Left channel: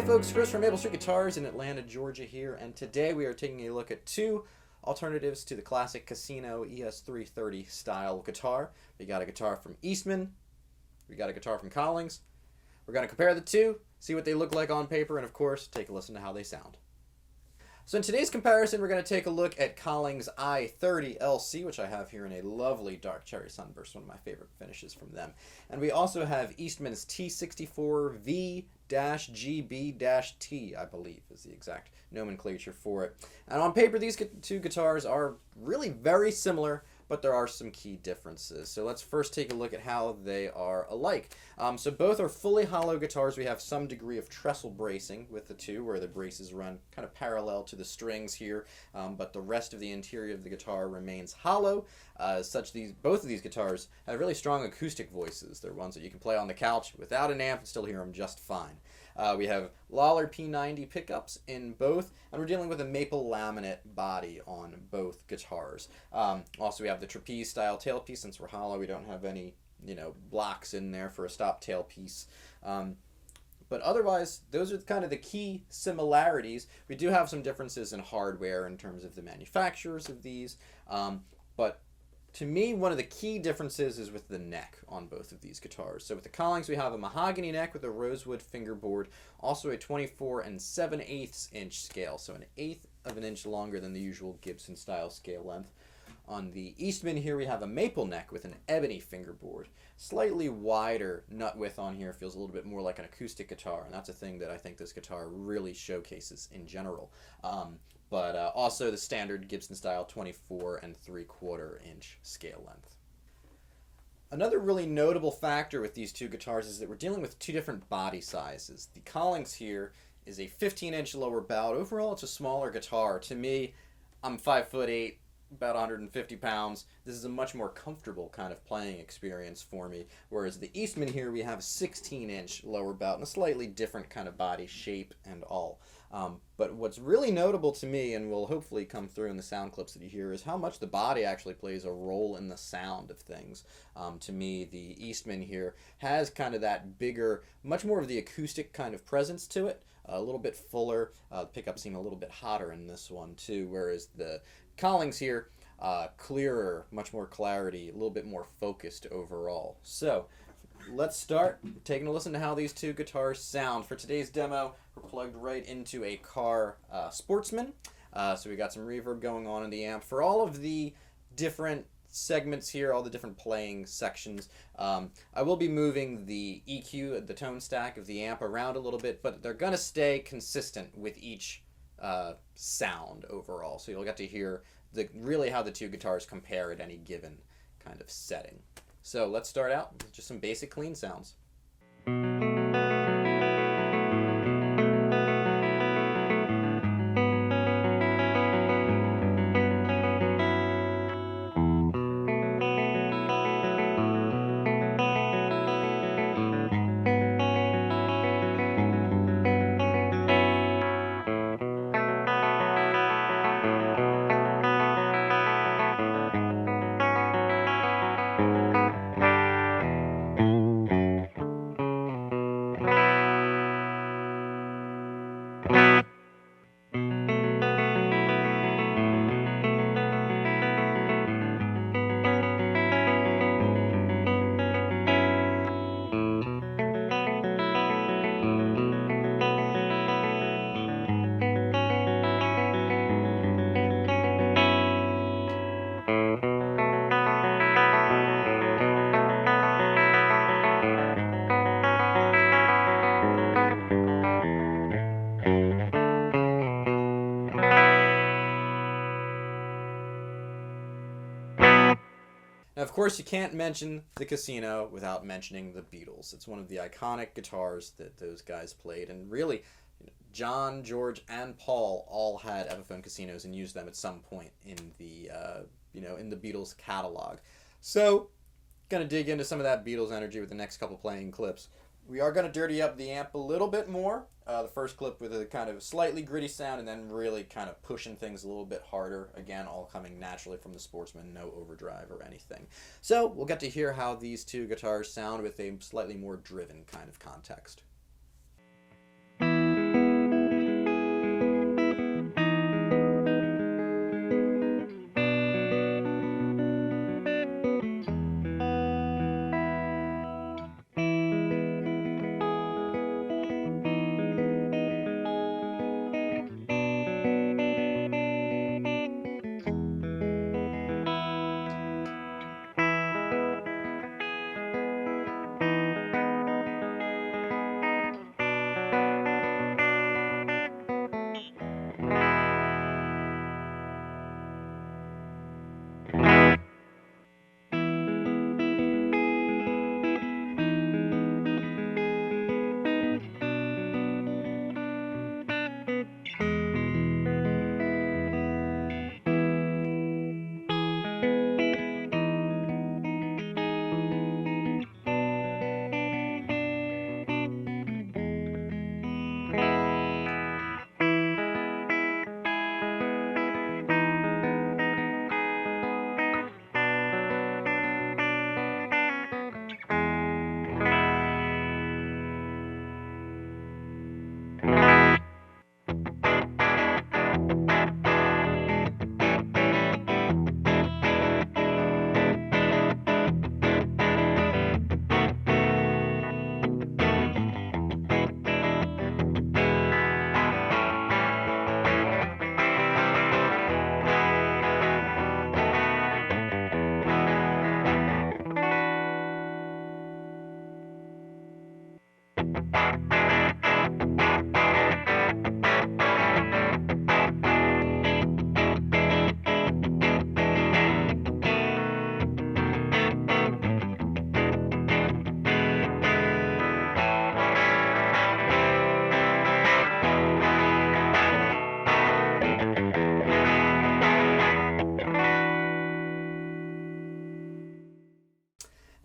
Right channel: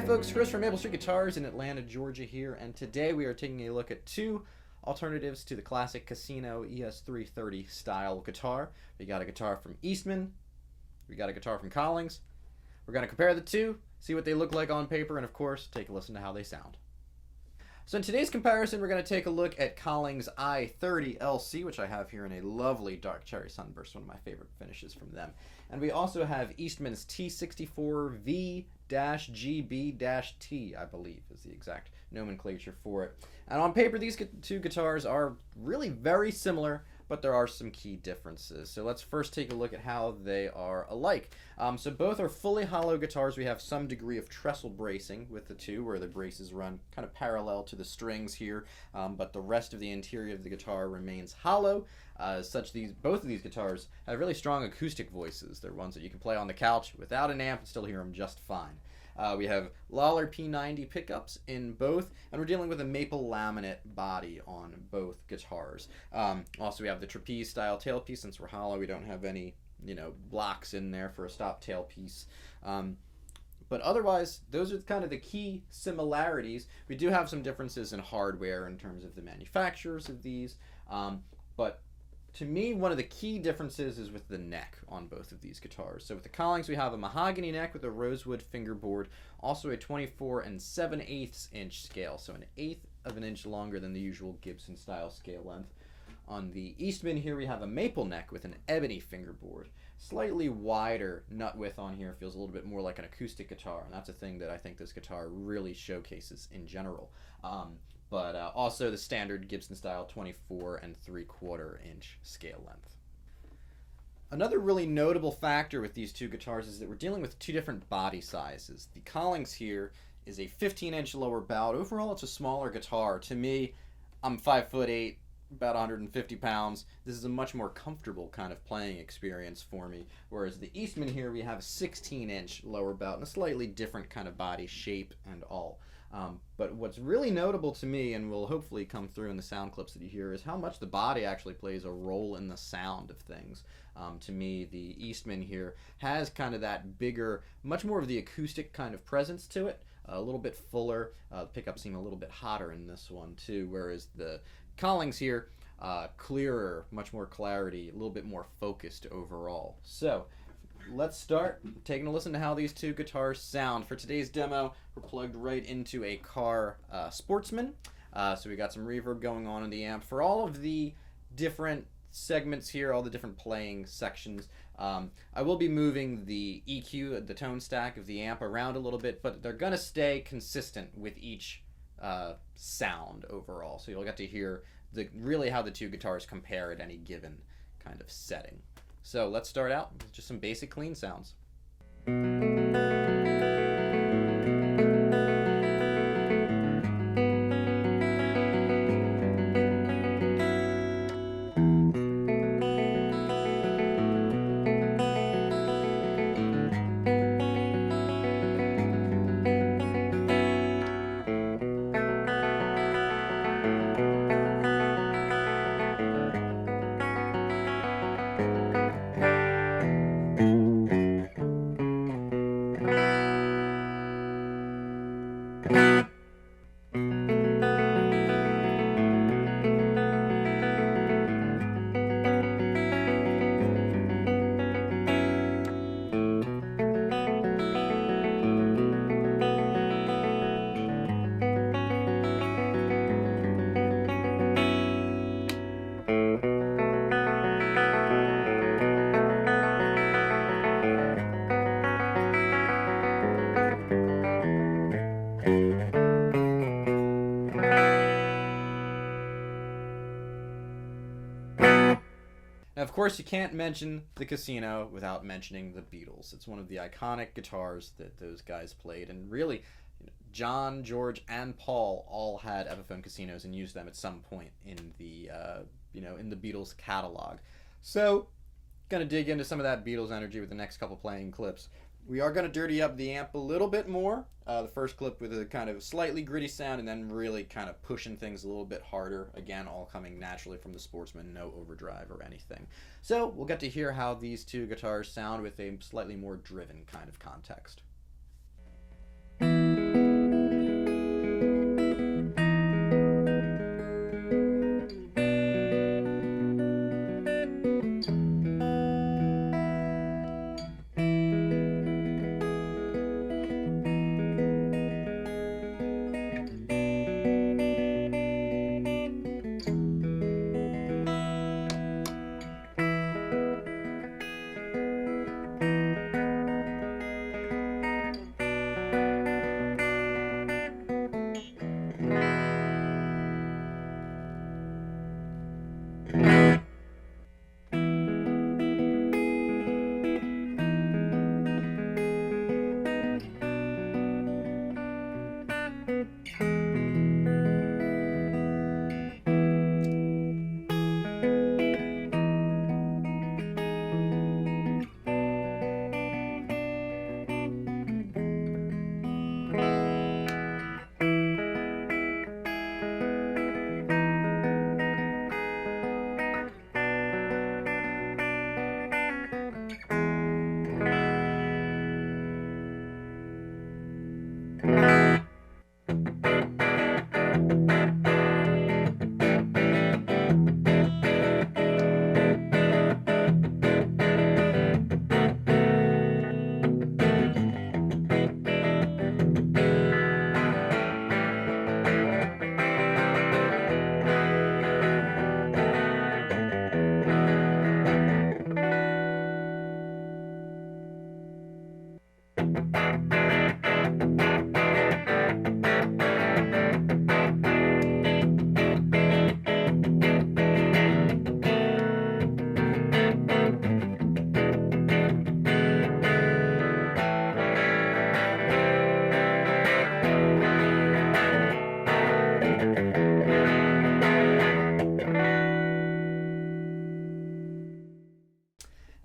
Hey folks, Chris from Maple Street Guitars in Atlanta, Georgia here, and today we are taking a look at two alternatives to the classic Casino ES330 style guitar. We got a guitar from Eastman, we got a guitar from Collings. We're going to compare the two, see what they look like on paper, and of course, take a listen to how they sound. So in today's comparison, we're going to take a look at Collings I-30LC, which I have here in a lovely dark cherry sunburst, one of my favorite finishes from them. And we also have Eastman's T64 V-GB-T, I believe is the exact nomenclature for it. And on paper, these two guitars are really very similar, but there are some key differences. So let's first take a look at how they are alike. So both are fully hollow guitars. We have some degree of trestle bracing with the two, where the braces run kind of parallel to the strings here, but the rest of the interior of the guitar remains hollow. Both of these guitars have really strong acoustic voices. They're ones that you can play on the couch without an amp and still hear them just fine. We have Lollar P90 pickups in both, and we're dealing with a maple laminate body on both guitars. Also, we have the trapeze style tailpiece. Since we're hollow, we don't have any, blocks in there for a stop tailpiece. But otherwise, those are kind of the key similarities. We do have some differences in hardware in terms of the manufacturers of these, but to me, one of the key differences is with the neck on both of these guitars. So with the Collings, we have a mahogany neck with a rosewood fingerboard, also a 24 7/8 inch scale, so an eighth of an inch longer than the usual Gibson style scale length. On the Eastman here, we have a maple neck with an ebony fingerboard. Slightly wider nut width on here, feels a little bit more like an acoustic guitar, and that's a thing that I think this guitar really showcases in general. But also the standard Gibson style 24 3/4 inch scale length. Another really notable factor with these two guitars is that we're dealing with two different body sizes. The Collings here is a 15-inch lower bout. Overall, it's a smaller guitar. To me, I'm 5'8", about 150 pounds. This is a much more comfortable kind of playing experience for me. Whereas the Eastman here, we have a 16-inch lower bout and a slightly different kind of body shape and all. But what's really notable to me, and will hopefully come through in the sound clips that you hear, is how much the body actually plays a role in the sound of things. To me, the Eastman here has kind of that bigger, much more of the acoustic kind of presence to it, a little bit fuller. The pickups seem a little bit hotter in this one too, whereas the Collings here, clearer, much more clarity, a little bit more focused overall. So let's start taking a listen to how these two guitars sound. For today's demo, we're plugged right into a car Sportsman. So we got some reverb going on in the amp. For all of the different segments here, all the different playing sections, I will be moving the EQ, the tone stack of the amp, around a little bit, but they're going to stay consistent with each sound overall. So you'll get to hear really how the two guitars compare at any given kind of setting. So let's start out with just some basic clean sounds. And of course, you can't mention the Casino without mentioning the Beatles. It's one of the iconic guitars that those guys played, and really, John, George, and Paul all had Epiphone Casinos and used them at some point in the in the Beatles catalog. So, gonna dig into some of that Beatles energy with the next couple playing clips. We are going to dirty up the amp a little bit more. The first clip with a kind of slightly gritty sound, and then really kind of pushing things a little bit harder. Again, all coming naturally from the Sportsman, no overdrive or anything. So we'll get to hear how these two guitars sound with a slightly more driven kind of context.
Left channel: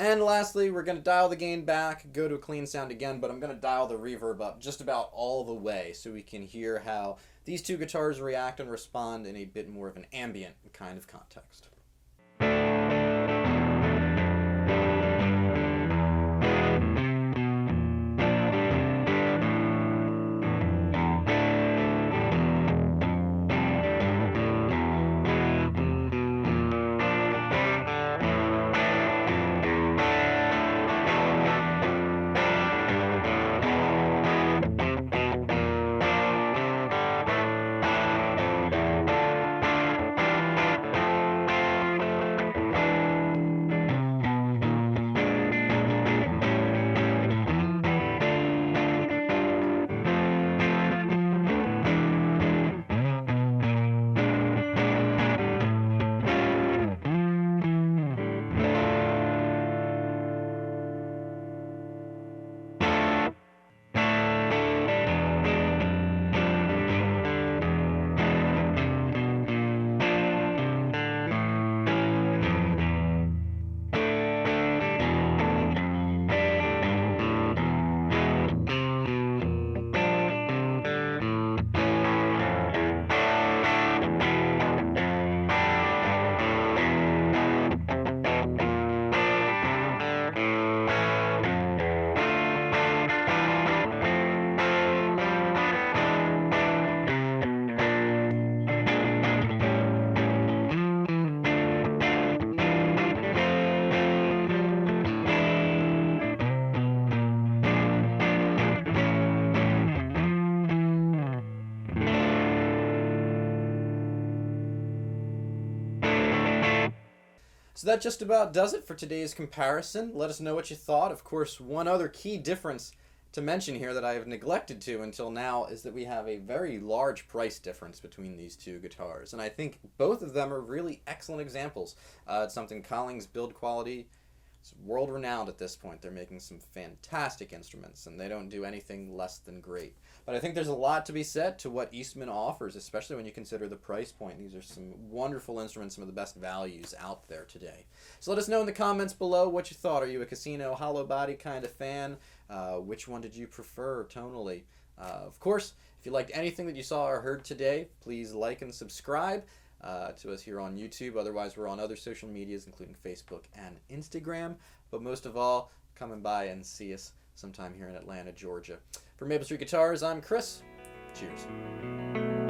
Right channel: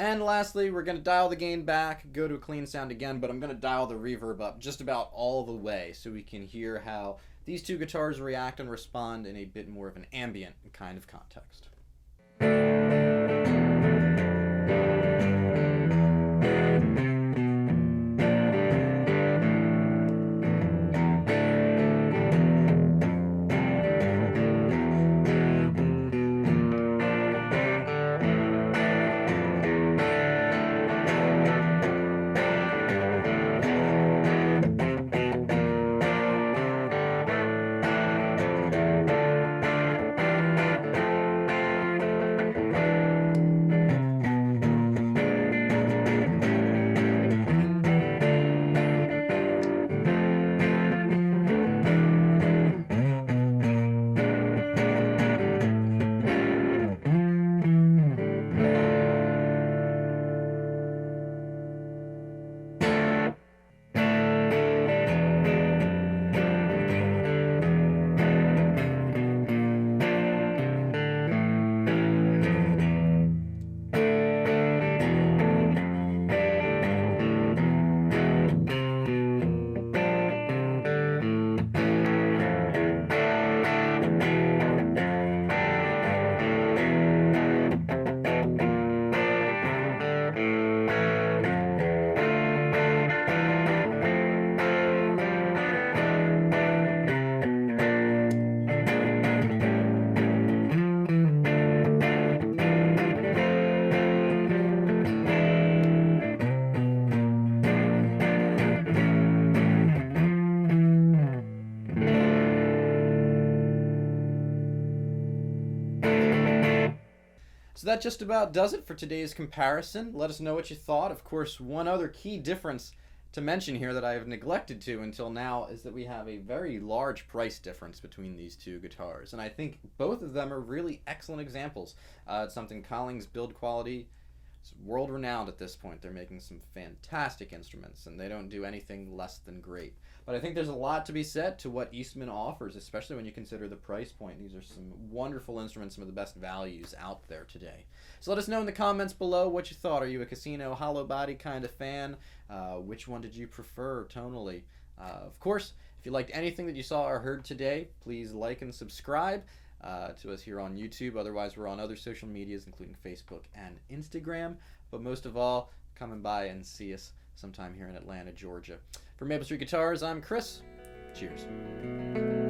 And lastly, we're going to dial the gain back, go to a clean sound again, but I'm going to dial the reverb up just about all the way so we can hear how these two guitars react and respond in a bit more of an ambient kind of context. So that just about does it for today's comparison. Let us know what you thought. Of course, one other key difference to mention here that I have neglected to until now is that we have a very large price difference between these two guitars. And I think both of them are really excellent examples. It's something Collings build quality is world renowned at this point. They're making some fantastic instruments and they don't do anything less than great. But I think there's a lot to be said to what Eastman offers, especially when you consider the price point. These are some wonderful instruments, some of the best values out there today. So let us know in the comments below what you thought. Are you a casino hollow body kind of fan? Which one did you prefer tonally? Of course, if you liked anything that you saw or heard today, please like and subscribe to us here on YouTube. Otherwise, we're on other social medias, including Facebook and Instagram. But most of all, come by and see us sometime here in Atlanta, Georgia. For Maple Street Guitars, I'm Chris. Cheers.